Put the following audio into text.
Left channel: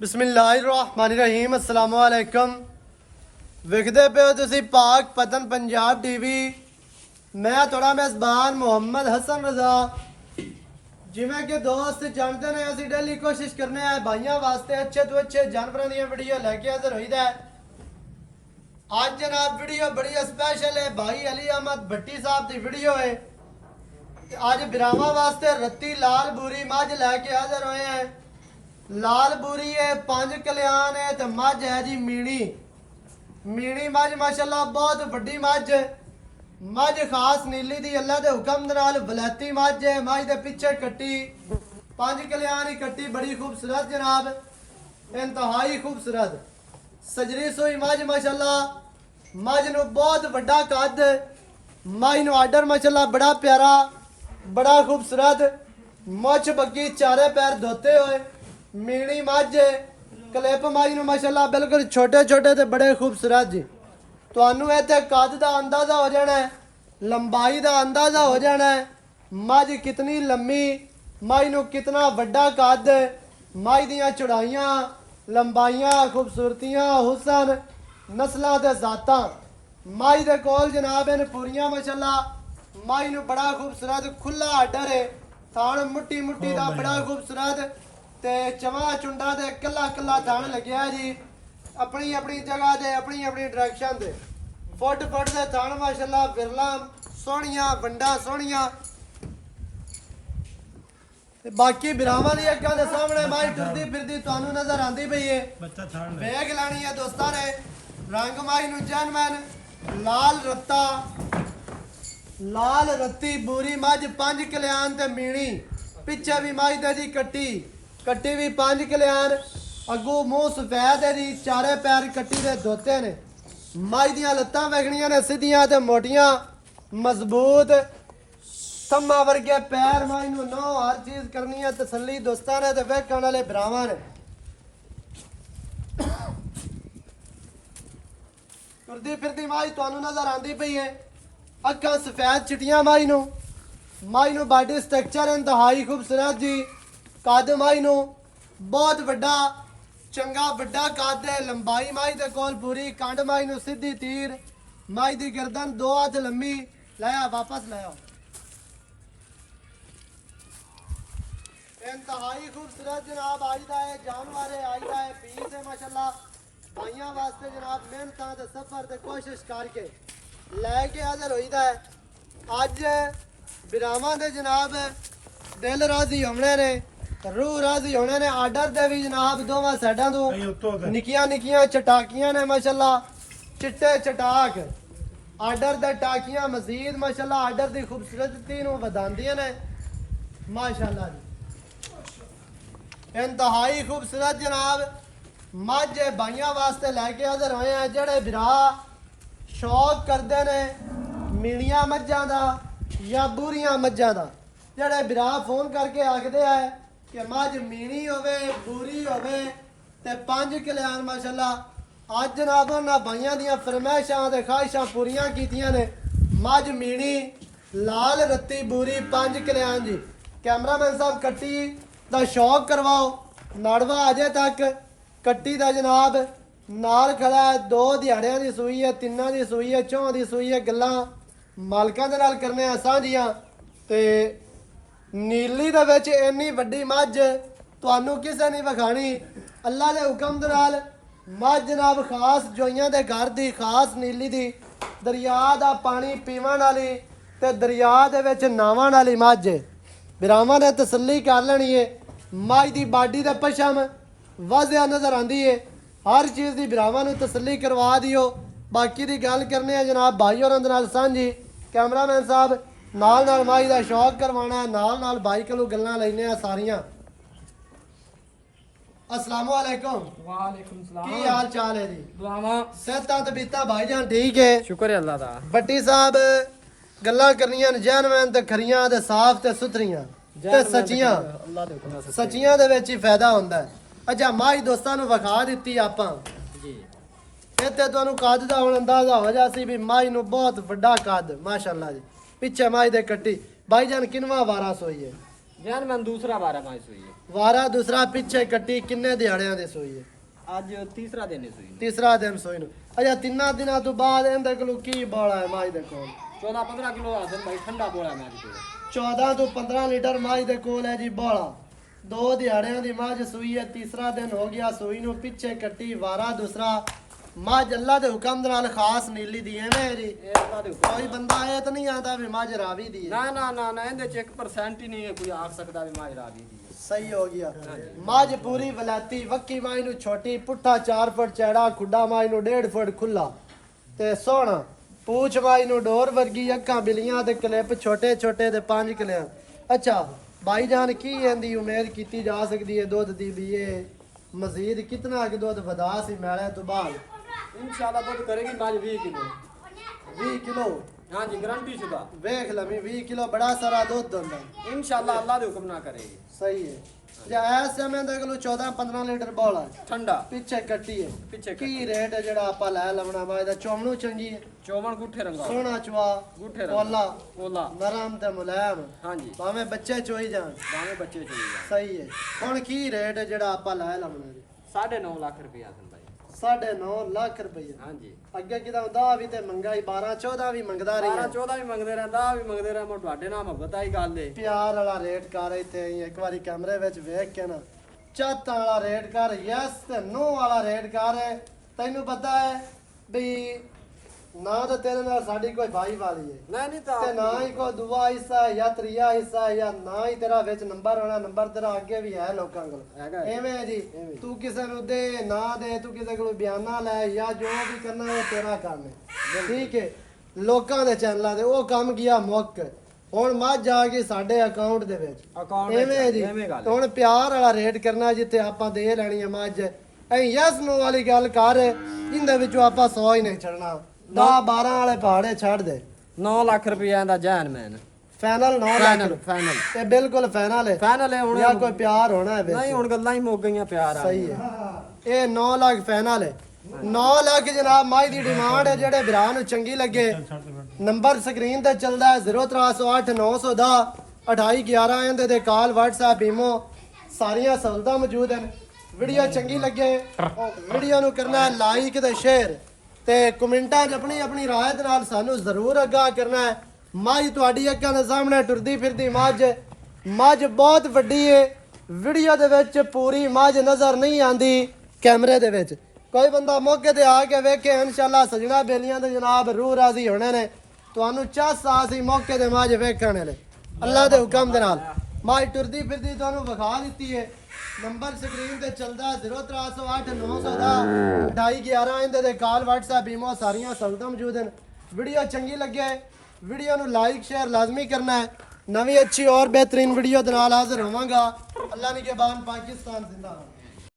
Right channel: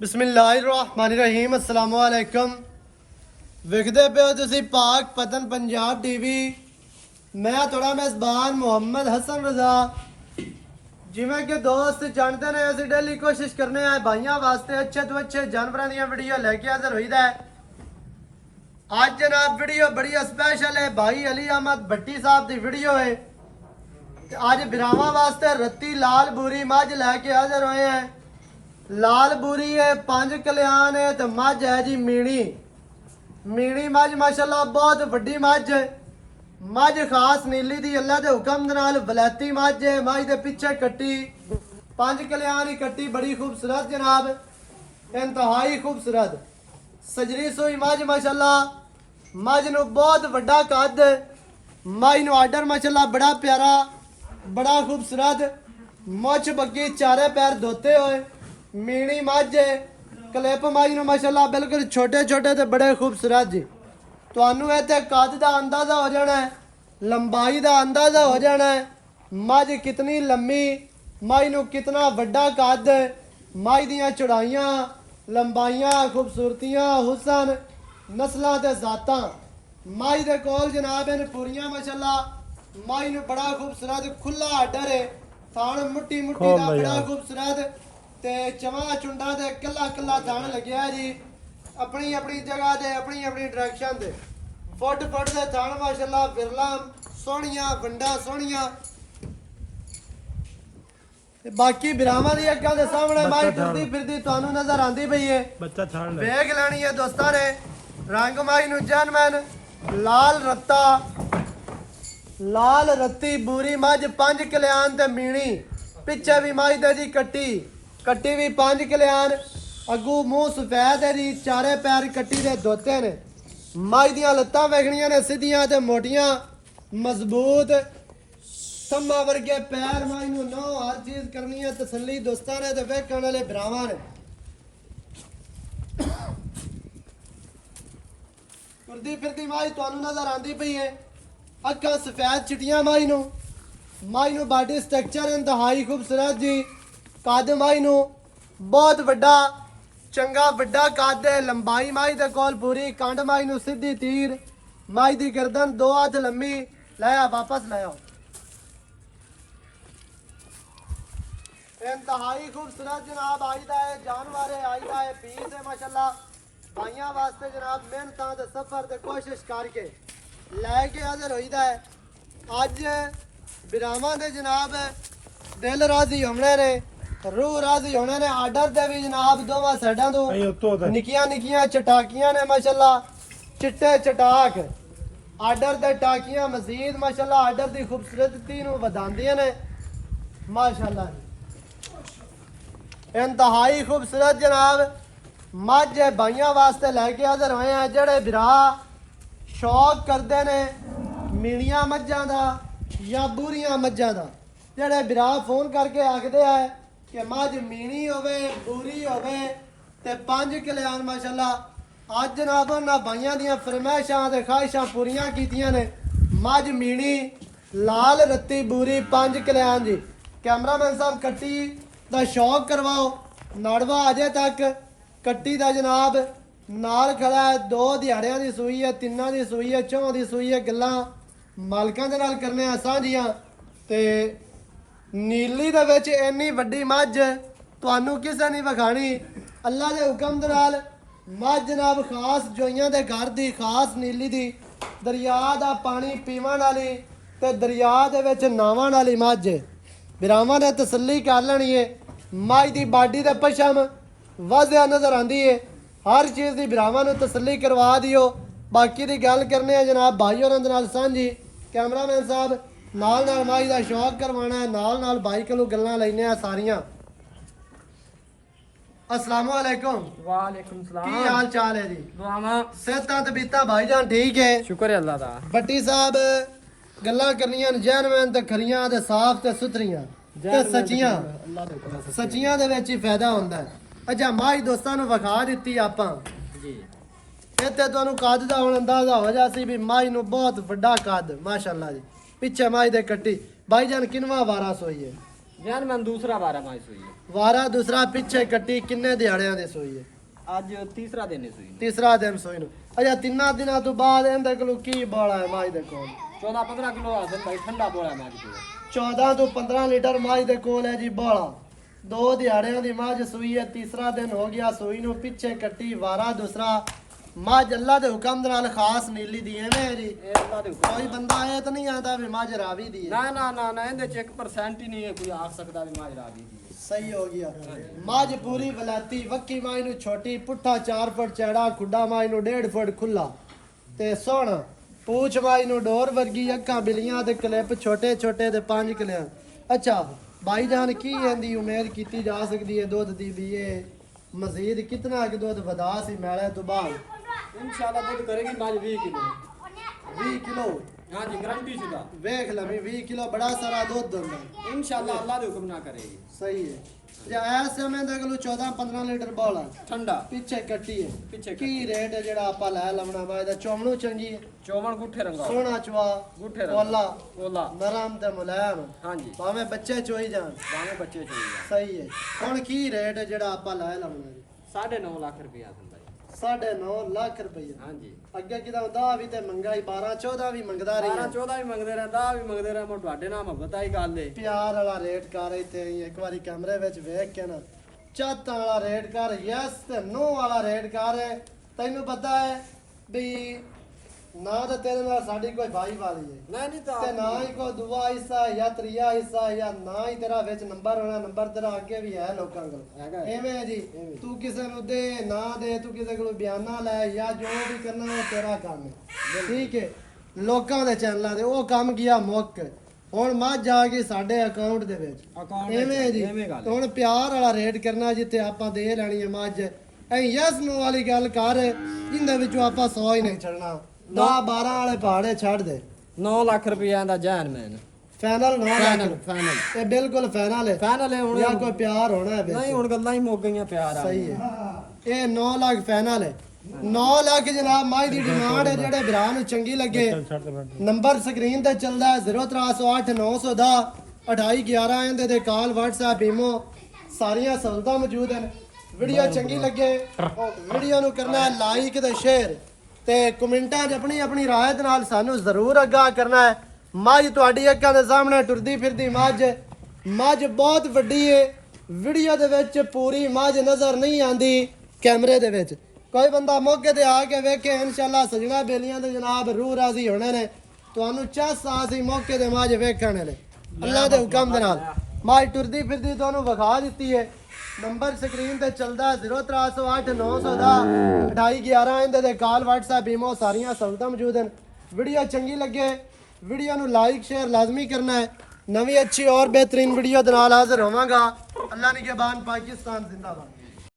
बिस्मिल्लाहिर्रहमानिर्रहीम अस्सलाम वालेकुम। विखदे पे हो तुसी पाक पतन पंजाब टीवी। मैं थोड़ा मेज़बान मोहम्मद हसन रजा। जिमें कि दोस्त जानते ने असं डेली कोशिश करने हैं भाइयों वास्ते अच्छे तो अच्छे जानवरों दी वीडियो लेके हाजिर होईदा है। आज जनाब वीडियो बड़ी स्पेशल है। भाई अली अहमद भट्टी साहब की वीडियो है। आज बिरावा वास्ते रत्ती लाल बूरी मझ लैके हाजिर होए हैं। लाल बूरी है, 5 कल्याण है तो मझ है जी मीणी। मीणी मझ माशाल्लाह बहुत वड्डी मझ। मझ खास नीली दी अल्लाह दे हुक्म दे नाल वलैती मझ है। मझ दे पिछे कट्टी 5 कल्याण ही कट्टी बड़ी खूबसूरत जनाब, इंतहाई खूबसूरत सजरी सोई मझ माशाल्लाह। मझ नू बहुत वड्डा कद, मझ नू आर्डर माशाल्लाह बड़ा प्यारा, बड़ा खूबसूरत। मुछ बग्गी, चारे पैर धोते हुए मीणी मझ है। क्लिप मझ नू माशाल्लाह बिल्कुल छोटे छोटे ते बड़े खूबसूरत जी। तुहानू इत्थे कद दा अंदाजा हो जाना है, लंबाई दा अंदाजा हो जाना है। मझ कितनी लंबी, मझ नू कितना वड्डा कद, मझ दियां चौड़ाइयां, लंबाइयां, खूबसूरतियां, हुसन, नस्लां ते जातां मझ दे कोल जनाब इन पूरियां माशाल्लाह। मझ नू बड़ा खूबसूरत खुला आर्डर है। थान मुट्टी मुट्टी दा बड़ा खूबसूरत ते चवा चुंडा दे कला कला थान लग्या जी। अपनी अपनी जगह दे अपनी अपनी डायरेक्शन दे फुट फुट दे थान माशाल्लाह। बिरला सोहणियां, वंडा सोहणियां। बाकी बिरावां दी अग्गां दे सामने माई टुरदी फिरदी तुहानू नजर आंदी पई है। बच्चा छाड़ ले। वेग लैनी है दोस्तां ने। रंग माई नू जनमन लाल रत्ता, लाल रत्ती बूरी मझ 5 कल्याण ते मीणी। पिछे भी मझ दे जी कट्टी, कट्टी भी 5 कल्याण। अगू मूंह सफेद है जी, चारे पैर कट्टी दे धोते ने। मझ दियां लत्तां वेखणियां ने सीधियां ते मोटियां, मजबूत थम्मा वर्गे पैर। मझ नू नौ हर चीज करनी है तसल्ली दोस्तां ने ते वेखण वाले भरावां ने। तुरदी फिरदी मझ तुहानू नजर आंदी पई है। अखां सफेद चिट्टियां मझ नू। मझ नू बॉडी स्ट्रक्चर इंतहाई खूबसूरत जी। कद मझ नू बहुत वड्डा, चंगा वड्डा कद है। लंबाई मझ दे कोल पूरी, कंड मझ नू सीधी तीर। मझ दी गर्दन 2 हाथ लंबी। लाया वापस लाया। इंतहाई खूबसूरत जनाब आज दा है जानवर है, आज दा है पीस है माशाल्लाह। भाइयों वास्ते जनाब मेहनतां ते सफर ते कोशिश करके लैके हाजिर होईदा है। अज बिरावां दे जनाब दिल राजी होने ने, रूह राजी होने ने। आर्डर दे भी जनाब दोवां साइडां तो निक्कियां निक्कियां चटाकियां ने माशाल्लाह, चिट्टे चटाक। आर्डर दे टाकियां मजीद माशाल्लाह आर्डर दी खूबसूरती नू वधांदियां ने माशाल्लाह जी। इंतहाई खूबसूरत जनाब मझ है। भाइयों वास्ते लैके हाजिर आए हैं जेड़े बिरा शौक करते ने मीणियां मझां दा या बूरियां मझां दा। जेड़े बिरा फोन करके आखदे है कि मझ मीणी होवे, बूरी होवे ते 5 कल्याण माशाल्लाह। अज जनाब उन्हां भाइयां दियां फरमाइशां ते ख्वाहिशां पूरियां कीतियां ने। मझ मीणी लाल रत्ती बूरी 5 कल्याण जी। कैमरामैन साहब कट्टी दा शौक करवाओ। नाड़वा अजे तक कट्टी दा जनाब नाल खड़ा है। 2 दिहाड़ियां दी सूई है, 3 दी सूई है, 4 दी सूई है। गल्लां मालकां दे नाल करने आ साझियां ते नीली दे विच इन्नी वड्डी मझ तुहानू किसे नहीं विखाणी। अल्लाह दे हुक्म दे नाल मझ जनाब खास जोइयां दे घर दी, खास नीली दी, दरिया दा पानी पीवन वाली ते दरिया दे विच नावन वाली मझ है। बिरावां ने तसल्ली कर लेनी है। मझ दी बाडी ते पछम वाजिया नजर आंदी है। हर चीज़ की बिरावां नू तसल्ली करवा दियो। बाकी दी गल करने जनाब भाई होरां दे नाल सांझी। कैमरामैन साहब नाल नाल मझ दा शौक करवाना है, नाल नाल बाई कोलों गल्लां लैने सारियां। अस्सलाम वालेकुम। वालेकुम सलाम। की हाल चाल है जी? दुआवां सेहतां तबीयतां भाईजान ठीक है? शुक्र है अल्लाह दा। भट्टी साहब गल्लां करनियां जैनमैन ते खरियां ते साफ ते सुथरियां ते सच्चियां। अल्लाह दे हुक्म से सच्चियां दे विच ही फायदा हुंदा है। अच्छा मझ दोस्तां नू विखा दित्ती आपां। जी। इत्थे तुहानू कद दा हुण अंदाजा हो जासी भी मझ नू बहुत वड्डा कद माशाल्लाह जी। पिछे मझ दे कट्टी भाईजान किनवा वारा सोई है? जान मैं दूसरा बारा माई हुई है। ਵਾਰਾ ਦੂਸਰਾ ਪਿੱਛੇ ਕੱਟੀ ਕਿੰਨੇ ਦਿਹਾੜਿਆਂ ਦੇ ਸੋਈ ਹੈ? ਅੱਜ ਤੀਸਰਾ ਦਿਨ ਹੈ ਸੂਈ ਨੂੰ। ਤੀਸਰਾ ਦਿਨ ਸੋਈ ਨੂੰ। ਅੱਛਾ ਤਿੰਨਾਂ ਦਿਨਾਂ ਤੋਂ ਬਾਅਦ ਇਹਦੇ ਕੋਲ ਕੀ ਬੋਲਾ ਹੈ ਮਾਝ ਦੇ ਕੋਲ? 14-15 ਕਿਲੋ ਹਾਜ਼ਰ ਭਾਈ ਠੰਡਾ ਬੋਲਾ ਮੈਂ ਅੱਜ 14 ਤੋਂ 15 ਲੀਟਰ ਮਾਝ ਦੇ ਕੋਲ ਹੈ ਜੀ ਬੋਲਾ। 2 ਦਿਹਾੜਿਆਂ ਦੀ ਮਾਝ ਸੂਈ ਹੈ, ਤੀਸਰਾ ਦਿਨ ਹੋ ਗਿਆ ਸੂਈ ਨੂੰ, ਪਿੱਛੇ ਕੱਟੀ ਵਾਰਾ ਦੂਸਰਾ। ਮਾਝ ਅੱਲਾ ਦੇ ਹੁਕਮ ਦੇ ਨਾਲ ਖਾਸ ਨੀਲੀ ਦੀ ਐਵੇਂ ਜੀ। ਇਹ ਅੱਲਾ ਦੇ ਹੁਕਮ ਕੋਈ ਬੰਦਾ ਇਹ ਤਾਂ ਨਹੀਂ ਆਂਦਾ ਵੀ ਮਾਝ ਰਾਵੀ ਦੀ ਹੈ। ਨਾ ਨਾ ਨਾ ਨਾ ਇਹਦੇ ਚ 1% ਹੀ ਨਹੀਂ ਹੈ ਕੋਈ ਆਖ ਸਕਦਾ ਵੀ ਮਾਜਰਾ ਵੀ ਦੀ ਹੈ। ਸਹੀ ਹੋ ਗਿਆ। ਮਾਝ ਪੂਰੀ ਵਲਾਤੀ ਵੱਕੀ ਮਾਝ ਨੂੰ ਛੋਟੀ, ਪੁੱਠਾ 4 ਫੁੱਟ ਚੌੜਾ, ਖੁੱਡਾ ਮਾਝ ਨੂੰ 1.5 ਫੁੱਟ ਖੁੱਲਾ ਤੇ ਸੋਹਣਾ। ਪੂਛ ਮਾਝ ਨੂੰ ਡੋਰ ਵਰਗੀ, ਅੱਖਾਂ ਬਿਲੀਆਂ ਤੇ ਕਲਿੱਪ ਛੋਟੇ ਛੋਟੇ ਤੇ 5 ਕਲਿਆਂ। ਅੱਛਾ ਭਾਈ ਜਾਨ ਕੀ ਇਹਦੀ ਉਮੀਦ ਕੀਤੀ ਜਾ ਸਕਦੀ ਹੈ ਦੁੱਧ ਦੀ ਵੀ ਇਹ ਮਜ਼ੀਦ ਕਿਤਨਾ ਕਿ ਦੁੱਧ ਵਧਾ ਸੀ ਮੈਲੇ ਤੋਂ ਬਾਅਦ? इंशाल्लाह दुध करेगी माज 20 किलो। 20 किलो? हाँ जी गारंटी शुदा। ਵੇਖ ਲਵੀਂ 20 ਕਿਲੋ ਬੜਾ ਸਾਰਾ ਦੁੱਧ ਹੁੰਦਾ। इंशाल्लाह अल्लाह दे हुक्म ना करेगी। ਸਹੀ ਹੈ। ਜਾਂ ਐਸ ਸਮੇਂ ਦੇ ਕੋਲ 14-15 ਲੀਟਰ ਬੋਲਾ ठंडा ਪਿੱਛੇ ਕੱਟੀ ਹੈ। ਪਿੱਛੇ ਕੀ ਰੇਟ ਹੈ ਜਿਹੜਾ ਆਪਾਂ ਲੈ ਲਵਣਾ ਵਾ ਇਹਦਾ? ਚੋਮਣੂ ਚੰਗੀ ਹੈ, चौवन गुठे रंगा ਸੋਹਣਾ ਚਵਾ, गुठे ਪੋਲਾ, रंगा ओला। ਨਰਮ ਤੇ ਮੁਲਾਇਮ, हाँ जी ਭਾਵੇਂ ਬੱਚੇ ਚੋਈ ਜਾਣ। बावे बच्चे चाहिए। ਸਹੀ ਹੈ। ਹੁਣ ਕੀ ਰੇਟ ਹੈ ਜਿਹੜਾ ਆਪਾਂ ਲੈ ਲਵਣਾ ਜੀ? 9.5 लाख रुपया आसन भाई। 9.5 ਲੱਖ ਰੁਪਏ। हाँ जी ਅੱਗੇ ਕਿਦਾ ਹੁੰਦਾ ਵੀ ਤੇ ਮੰਗਾਈ 12-14 ਵੀ ਮੰਗਦਾ ਰਹੀ 12-14 भी मंगदे रहे 10 भी मंगदे रहे मैं ਤੁਹਾਡੇ ਨਾਲ ਮੁਹੱਬਤ ਆਈ ਗੱਲ ਏ। ਪਿਆਰ ਵਾਲਾ ਰੇਟ ਕਰ ਇੱਥੇ ਇੱਕ ਵਾਰੀ ਕਮਰੇ ਵਿੱਚ ਵੇਖ ਕੇ ਨਾ ਚੱਤ ਵਾਲਾ ਰੇਟ ਕਰ, ਯਸ ਤੇ ਨੋ ਵਾਲਾ ਰੇਟ ਕਰ। ਤੈਨੂੰ ਪਤਾ ਹੈ ਵੀ ਨਾ ਤਾਂ ਤੇਰੇ ਨਾਲ ਸਾਡੀ ਕੋਈ ਭਾਈ ਵਾਲੀ ਹੈ नहीं नहीं तो ਤੇ ਨਾ ਹੀ ਕੋਈ ਦੂਆ ਹਿੱਸਾ ਹੈ ਜਾਂ ਤਰੀਆ ਹਿੱਸਾ ਹੈ ਜਾਂ ਨਾ ਹੀ ਤੇਰਾ ਵਿੱਚ ਨੰਬਰ ਹੋਣਾ। ਨੰਬਰ ਤੇਰਾ ਅੱਗੇ ਵੀ ਹੈ ਲੋਕਾਂ ਕੋਲ। ਹੈਗਾ ਹੈ। ਐਵੇਂ ਹੈ ਜੀ, ਐਵੇਂ। ਤੂੰ ਕਿਸੇ ਨੂੰ ਦੇ ਨਾ ਦੇ, ਤੂੰ ਕਿਸੇ ਕੋਲ ਬਿਆਨਾ ਲੈ ਜਾਂ ਜੋ ਵੀ ਕਰਨਾ ਉਹ ਤੇਰਾ ਕੰਮ ਹੈ। ਠੀਕ ਹੈ। ਲੋਕਾਂ ਦੇ ਚੈਨਲਾਂ ਤੇ ਉਹ ਕੰਮ ਗਿਆ ਮੁੱਕ। ਹੁਣ ਮੱਝ ਜਾ ਕੇ ਸਾਡੇ ਅਕਾਊਂਟ ਦੇ ਵਿੱਚ ਅਕਾਊਂਟ ਐਵੇਂ ਹੈ ਜੀ। ਐਵੇਂ ਗੱਲ ਹੈ। ਹੁਣ ਪਿਆਰ ਵਾਲਾ ਰੇਟ ਕਰਨਾ ਜਿੱਥੇ ਆਪਾਂ ਦੇ ਲੈਣੀ ਹੈ ਮੱਝ, ਐ ਯਸ ਨੋ ਵਾਲੀ ਗੱਲ ਕਰ ਜਿੰਦੇ ਵਿੱਚੋਂ ਆਪਾਂ 100 ਹੀ ਨਹੀਂ ਛੱਡਣਾ। 10-12 ਵਾਲੇ ਪਹਾੜੇ ਛੱਡ ਦੇ। 9 ਲੱਖ ਰੁਪਇਆ ਦਾ ਜਾਨ ਮੈਨ ਫਾਈਨਲ 9 ਫਾਈਨਲ ਲੱਖ ਫਾਈਨਲ ਇਹ ਬਿਲਕੁਲ ਫਾਈਨਲ ਹੈ। ਫਾਈਨਲ ਹੈ ਹੁਣ ਜਾਂ ਕੋਈ ਪਿਆਰ ਹੋਣਾ ਹੈ ਵਿੱਚ? ਨਹੀਂ ਹੁਣ ਗੱਲਾਂ ਹੀ ਮੁੱਕ ਗਈਆਂ ਪਿਆਰ ਆ। ਸਹੀ ਹੈ। ਇਹ 9 ਲੱਖ ਫਾਈਨਲ ਹੈ। 9 ਲੱਖ ਜਨਾਬ ਮਾਈ ਦੀ ਡਿਮਾਂਡ ਹੈ। ਜਿਹੜੇ ਭਰਾ ਨੂੰ ਚੰਗੀ ਲੱਗੇ ਨੰਬਰ ਸਕਰੀਨ ਤੇ ਚੱਲਦਾ ਹੈ 0308910 2811 ਇਹਦੇ ਤੇ ਕਾਲ WhatsApp ਈਮੋ ਸਾਰੀਆਂ ਸਹੂਲਤਾਂ ਮੌਜੂਦ ਹਨ। ਵੀਡੀਓ ਚੰਗੀ ਲੱਗੇ ਵੀਡੀਓ ਨੂੰ ਕਰਨਾ ਹੈ ਲਾਈਕ ਤੇ ਸ਼ੇਅਰ ਤੇ ਕਮੈਂਟਾਂ 'ਚ ਆਪਣੀ ਆਪਣੀ ਰਾਏ ਦੇ ਨਾਲ ਸਾਨੂੰ ਜ਼ਰੂਰ ਅੱਗਾ ਕਰਨਾ ਹੈ। ਮੱਝ ਤੁਹਾਡੀ ਅੱਖਾਂ ਦੇ ਸਾਹਮਣੇ ਟੁਰਦੀ ਫਿਰਦੀ ਮੱਝ ਬਹੁਤ ਵੱਡੀ ਹੈ। ਵੀਡੀਓ ਦੇ ਵਿੱਚ ਪੂਰੀ ਮੱਝ ਨਜ਼ਰ ਨਹੀਂ ਆਂਦੀ ਕੈਮਰੇ ਦੇ ਵਿੱਚ। ਕੋਈ ਬੰਦਾ ਮੌਕੇ ਤੇ ਆ ਕੇ ਵੇਖੇ ਇਨਸ਼ਾਅੱਲਾ ਸਜਣਾ ਬੇਲੀਆਂ ਦੇ ਜਨਾਬ ਰੂਹ ਰਾਜ਼ੀ ਹੋਣੇ ਨੇ। ਤੁਹਾਨੂੰ ਚਾਸ ਆਸੀ ਮੌਕੇ ਤੇ ਮੱਝ ਵੇਖਣੇ ਨੇ ਅੱਲਾ ਦੇ ਹੁਕਮ ਦੇ ਨਾਲ। ਮੱਝ ਟੁਰਦੀ ਫਿਰਦੀ ਤੁਹਾਨੂੰ ਵਿਖਾ ਦਿੱਤੀ ਹੈ। ਨੰਬਰ ਸਕਰੀਨ ਤੇ ਚੱਲਦਾ 0308910 2811 ਇਹਦੇ ਤੇ ਕਾਲ WhatsApp ਈਮੋ ਸਾਰੀਆਂ ਸਹੂਲਤਾਂ ਮੌਜੂਦ ਹਨ। ਵੀਡੀਓ ਚੰਗੀ ਲੱਗੇ ਵੀਡੀਓ ਨੂੰ ਲਾਈਕ ਸ਼ੇਅਰ ਲਾਜ਼ਮੀ ਕਰਨਾ ਹੈ। ਨਵੀਂ ਅੱਛੀ ਔਰ ਬਿਹਤਰੀਨ ਵੀਡੀਓ ਦੇ ਨਾਲ ਹਾਜ਼ਰ ਹੋਵਾਂਗਾ। ਅੱਲਾ ਨਿਗਹਿਬਾਨ, ਪਾਕਿਸਤਾਨ ਜ਼ਿੰਦਾਬਾਦ।